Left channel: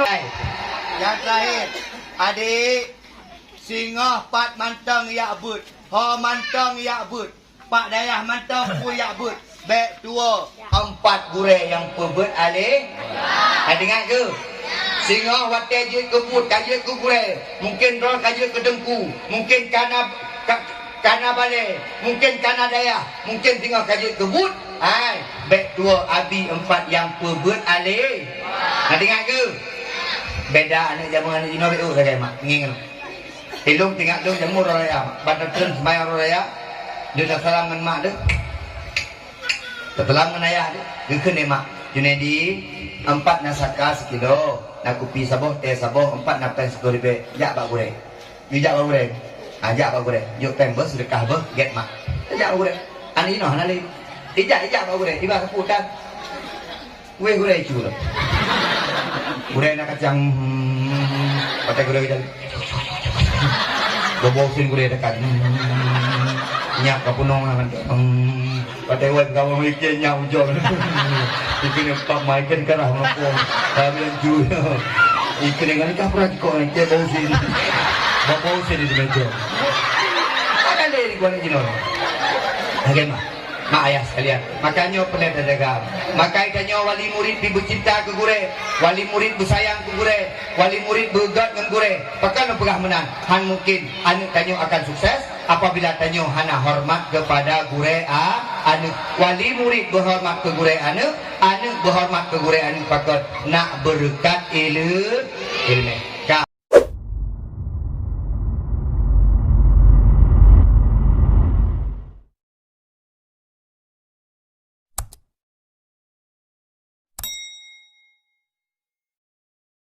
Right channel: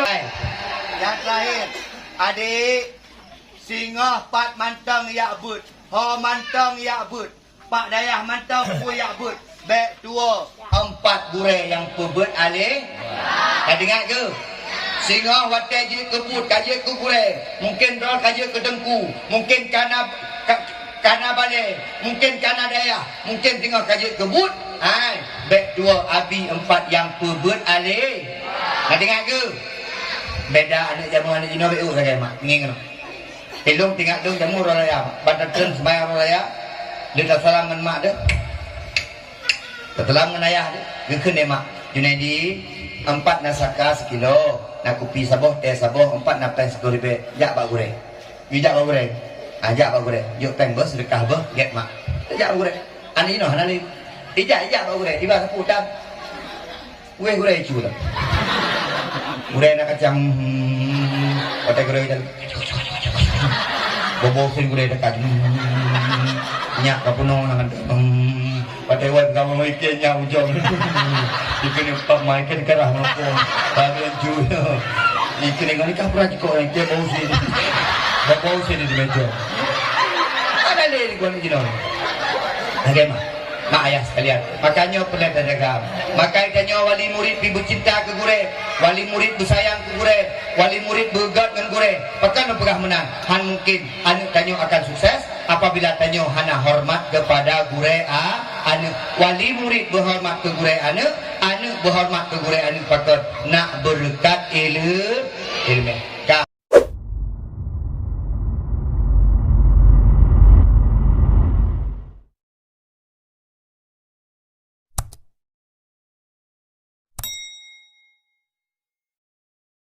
Yang terakhir, adik singa pat mantang yak but, ho mantang yak but, pak dayah mantang pu yak but, bek tua, 4 gureh yang pebut alih. Dah dengar ke? Singa watai je ke but, kaje ke gureh, mungkin rol kaje ke dengku, mungkin kana balai, mungkin kana dayah, mungkin singa kaje ke but. Hai, bek tua abi 4 yang pebut alih. Dah dengar ke? Beda anak jamu anak jino beu saja mak nging. Tilung tinggal dong jamu raya, banten sembayang raya. Dia dah salam dengan mak dah. Tetelam dengan ayah dah. Gekeun deh mak. Junedi 4 nasaka sekilo, nak kopi saboh, teh saboh, 4 nak pen 10 ribu. Jak pak goreng. Bijak pak goreng. Ajak pak goreng. Yuk pen bos sedekah bos get mak. Jak pak goreng. Anak jino hanali. Ijak pak goreng. Tiba keputan. Weh goreng curang. Gureh nak kacang, pakai gureh dan bobosin gureh dekat, nyak kapunong nangan, pakai wet kamu makin nyak ujung, ikan yang tak makin kerah melopong, tapi yang juga, ikan yang ni kapra jiko yang dia bobosin di meja, apa lagi gua ni jinon, agak mak ayah sekalian, makanya pelet dagang. Makanya wali murid cinta ke gure, wali murid bersayang ke gure, wali murid begat dengan gure. Pakan pegah menang. Han mungkin anu tanyo akan sukses apabila tanyo hana hormat kepada gure anu. Wali murid berhormat ke gure anu berhormat ke gure anu pakat nak berkat ilmu.